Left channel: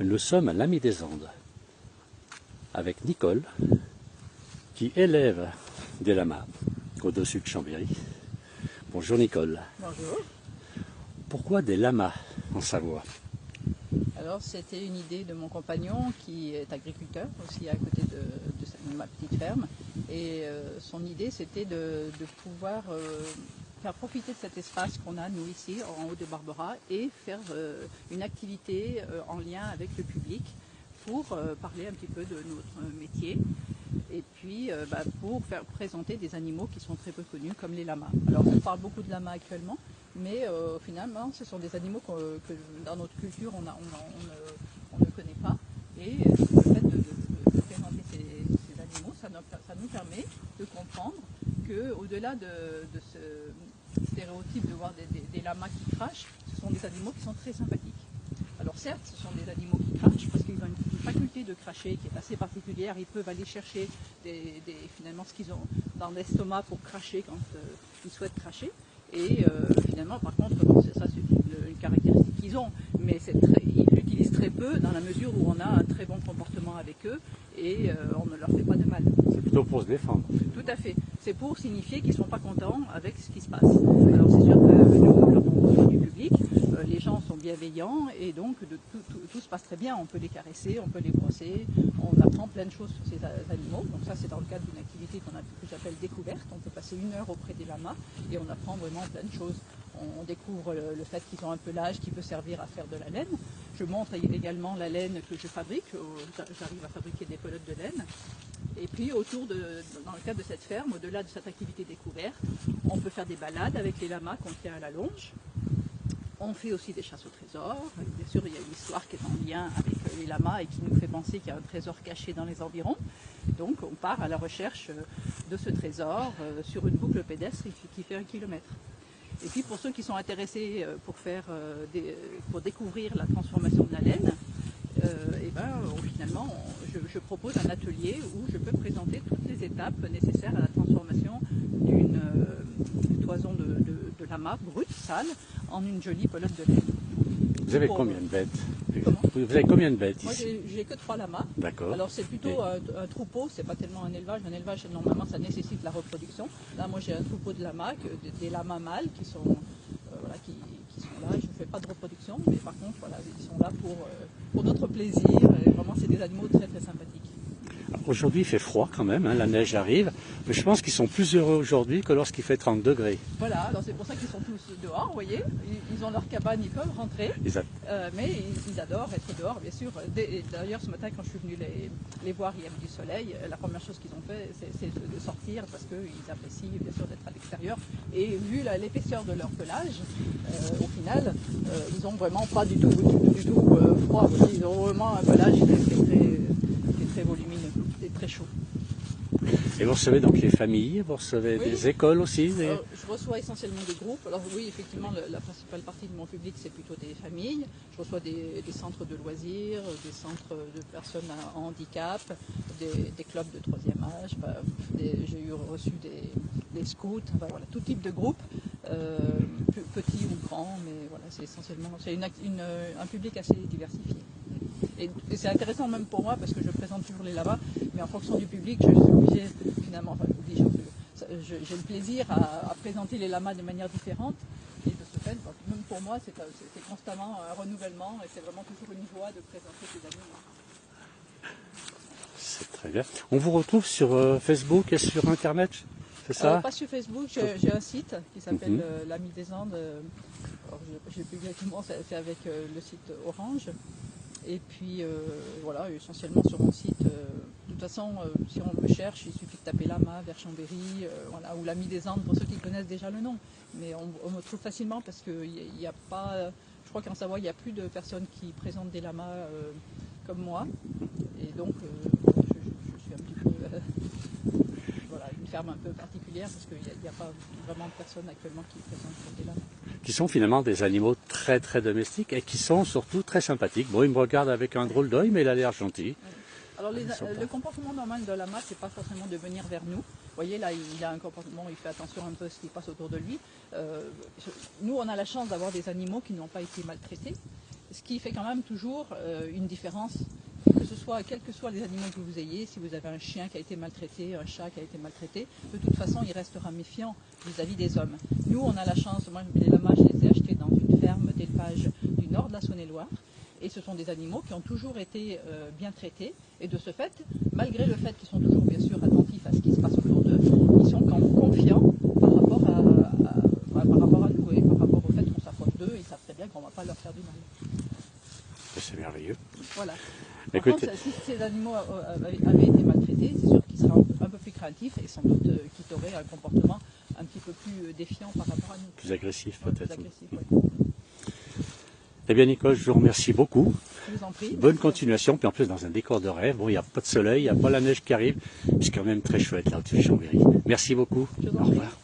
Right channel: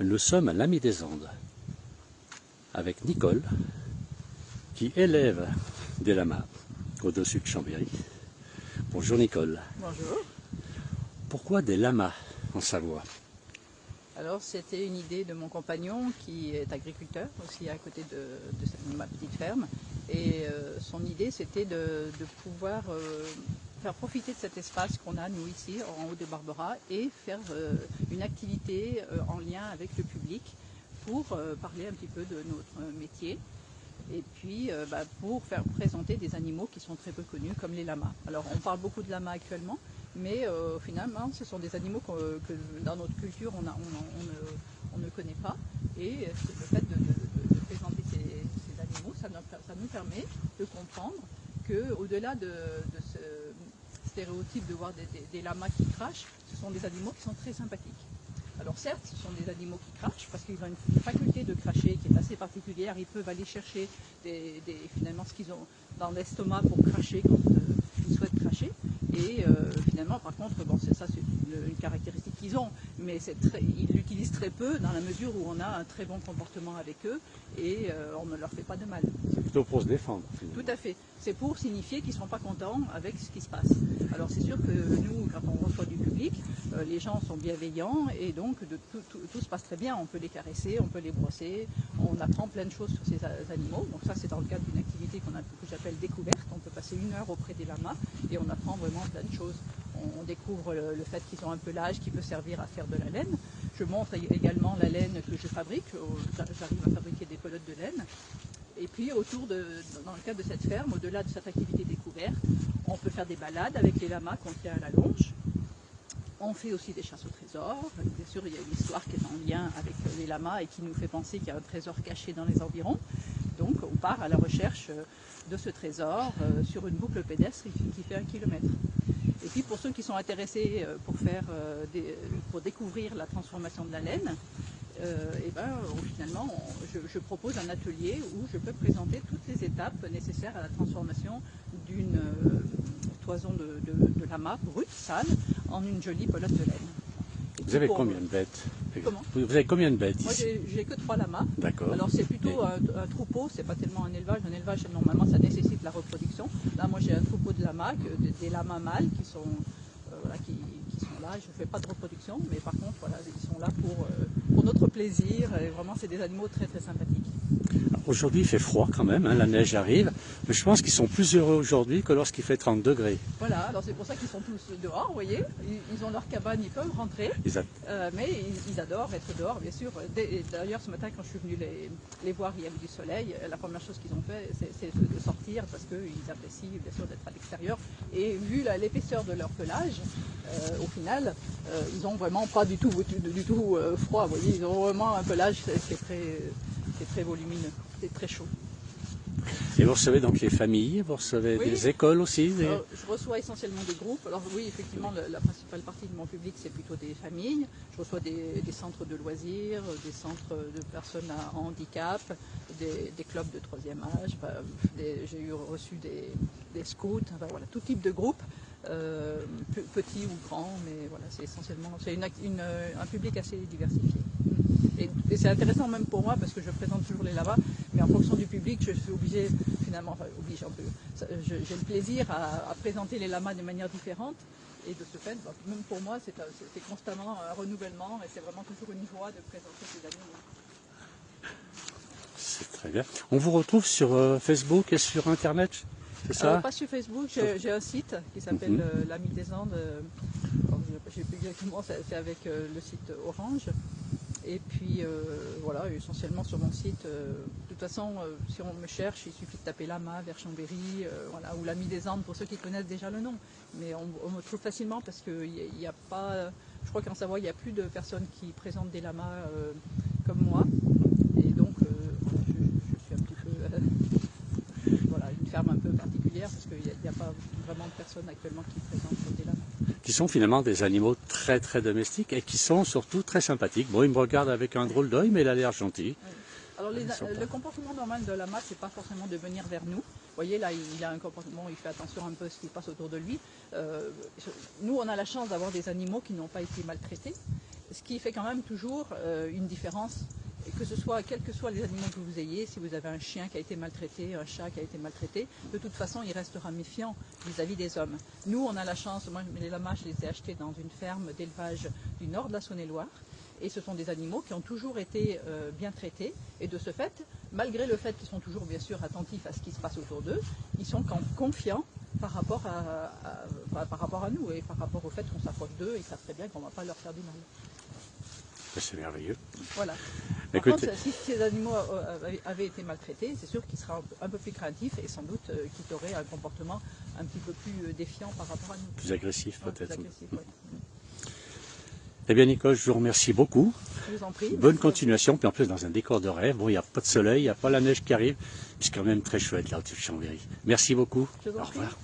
Nous sommes à l'Ami des Andes avec Nicole qui élève des lamas au-dessus de Chambéry. Bonjour Nicole. Bonjour. Pourquoi des lamas en Savoie? Alors c'était une idée de mon compagnon qui est agriculteur aussi à côté de ma petite ferme et son idée c'était de pouvoir faire profiter de cet espace qu'on a nous ici en haut de Barbera et faire une activité en lien avec le public pour parler un petit peu de notre métier et puis pour faire présenter des animaux qui sont très peu connus comme les lamas. Alors on parle beaucoup de lamas actuellement, mais finalement ce sont des animaux que dans notre culture on ne connaît pas et le fait de présenter ces animaux, ça nous permet de comprendre qu'au-delà de ce stéréotype de voir des lamas qui crachent, ce sont des animaux qui sont très sympathiques. Alors certes, ce sont des animaux qui crachent parce qu'ils ont une faculté de cracher qui est assez particulière. Ils peuvent aller chercher finalement ce qu'ils ont dans l'estomac pour cracher quand ils souhaitent cracher. Et finalement, par contre, bon, ça c'est une caractéristique qu'ils ont, mais ils l'utilisent très peu dans la mesure où on a un très bon comportement avec eux et on ne leur fait pas de mal. C'est plutôt pour se défendre. Tout à fait. C'est pour signifier qu'ils ne sont pas contents avec ce qui se passe. Alors c'est sûr que nous, quand on reçoit du public, les gens sont bienveillants et donc tout se passe très bien. On peut les caresser, on peut les brosser, on apprend plein de choses sur ces animaux. Donc ça c'est dans le cadre d'une activité que j'appelle découverte. On peut passer 1 heure auprès des lamas et on apprend vraiment plein de choses. On découvre le fait qu'ils ont un pelage qui peut servir à faire de la laine. Je montre également la laine que je fabrique. J'arrive à fabriquer des pelotes de laine. Et puis dans le cadre de cette ferme, au-delà de cette activité découverte, on peut faire des balades avec les lamas qu'on tient à la longe. On fait aussi des chasses au trésor. Bien sûr, il y a une histoire qui est en lien avec les lamas et qui nous fait penser qu'il y a un trésor caché dans les environs. Donc on part à la recherche de ce trésor sur une boucle pédestre qui fait 1 kilomètre. Et puis pour ceux qui sont intéressés pour découvrir la transformation de la laine, finalement, je propose un atelier où je peux présenter toutes les étapes nécessaires à la transformation d'une toison de lama brute, sale, en une jolie pelote de laine. Vous avez combien de bêtes? Comment? Vous avez combien de bêtes ici? Moi, j'ai que 3 lamas. D'accord. Alors, c'est plutôt un troupeau, c'est pas tellement un élevage. Un élevage, normalement, ça nécessite la reproduction. Là, moi, j'ai un troupeau de lamas, des lamas mâles qui sont là. Je ne fais pas de reproduction, mais par contre, voilà, ils sont là pour notre plaisir. Et vraiment, c'est des animaux très, très sympathiques. Aujourd'hui, il fait froid quand même, hein, la neige arrive, mais je pense qu'ils sont plus heureux aujourd'hui que lorsqu'il fait 30 degrés. Voilà, alors c'est pour ça qu'ils sont tous dehors, vous voyez. Ils ont leur cabane, ils peuvent rentrer, mais ils adorent être dehors, bien sûr. D'ailleurs, ce matin, quand je suis venue les voir, il y avait du soleil. La première chose qu'ils ont fait, c'est de sortir parce qu'ils apprécient, bien sûr, d'être à l'extérieur. Et vu l'épaisseur de leur pelage, au final, ils n'ont vraiment pas du tout froid. Vous voyez, ils ont vraiment un pelage qui est très volumineux et très chaud. Et vous recevez donc les familles, vous recevez des écoles aussi Je reçois essentiellement des groupes. Alors oui, effectivement, la principale partie de mon public, c'est plutôt des familles. Je reçois des centres de loisirs, des centres de personnes à handicap, des clubs de 3e âge. J'ai reçu des scouts, enfin, voilà, tout type de groupes, petits ou grands, mais voilà, c'est essentiellement un public assez diversifié. Et c'est intéressant même pour moi parce que je présente toujours les lamas, mais en fonction du public, je suis obligée, finalement, j'ai le plaisir à présenter les lamas de manière différente. Et de ce fait, même pour moi, c'est constamment un renouvellement et c'est vraiment toujours une joie de présenter ces animaux. C'est très bien. On vous retrouve sur Facebook et sur Internet, c'est ça? Pas sur Facebook, j'ai un site qui s'appelle l'Ami des Andes. Je sais plus exactement, c'est avec le site Orange. Et puis voilà, essentiellement sur mon site. De toute façon, si on me cherche, il suffit de taper Lama vers Chambéry, voilà, ou l'Ami des Andes pour ceux qui connaissent déjà le nom. Mais on me trouve facilement parce qu'il n'y a pas. Je crois qu'en Savoie, il n'y a plus de personnes qui présentent des lamas comme moi. Et donc, je suis un petit peu. Voilà, une ferme un peu particulière parce qu'il n'y a pas vraiment de personnes actuellement qui présentent des lamas. Qui sont finalement des animaux très très domestiques et qui sont surtout très sympathiques. Bon, il me regarde avec un drôle d'œil, mais il a l'air gentil. Oui. Alors le comportement normal de lama, c'est pas forcément de venir vers nous. Vous voyez, là, il a un comportement, il fait attention un peu à ce qui passe autour de lui. Nous, on a la chance d'avoir des animaux qui n'ont pas été maltraités. ce qui fait quand même toujours une différence, que ce soit, quels que soient les animaux que vous ayez, si vous avez un chien qui a été maltraité, un chat qui a été maltraité, de toute façon, il restera méfiant vis-à-vis des hommes. Nous, on a la chance, moi, les lamas, je les ai achetés dans une ferme d'élevage du nord de la Saône-et-Loire, et ce sont des animaux qui ont toujours été bien traités, et de ce fait, malgré le fait qu'ils sont toujours bien sûr attentifs à ce qui se passe autour d'eux, ils sont quand même confiants par rapport à nous, et par rapport au fait qu'on s'approche d'eux, ils savent très bien qu'on ne va pas leur faire du mal. C'est merveilleux. Voilà. Écoute, Par contre, si ces animaux avaient été maltraités, c'est sûr qu'ils seraient un peu plus craintifs et sans doute qu'ils auraient un comportement un petit peu plus défiant par rapport à nous. plus agressif peut-être. Plus agressif, oui. Eh bien Nicole, je vous remercie beaucoup. Je vous en prie. Bonne continuation, puis en plus dans un décor de rêve. Bon, il n'y a pas de soleil, il n'y a pas la neige qui arrive. C'est quand même très chouette là au-dessus de Chambéry. Merci beaucoup. Je vous en Au prie. revoir.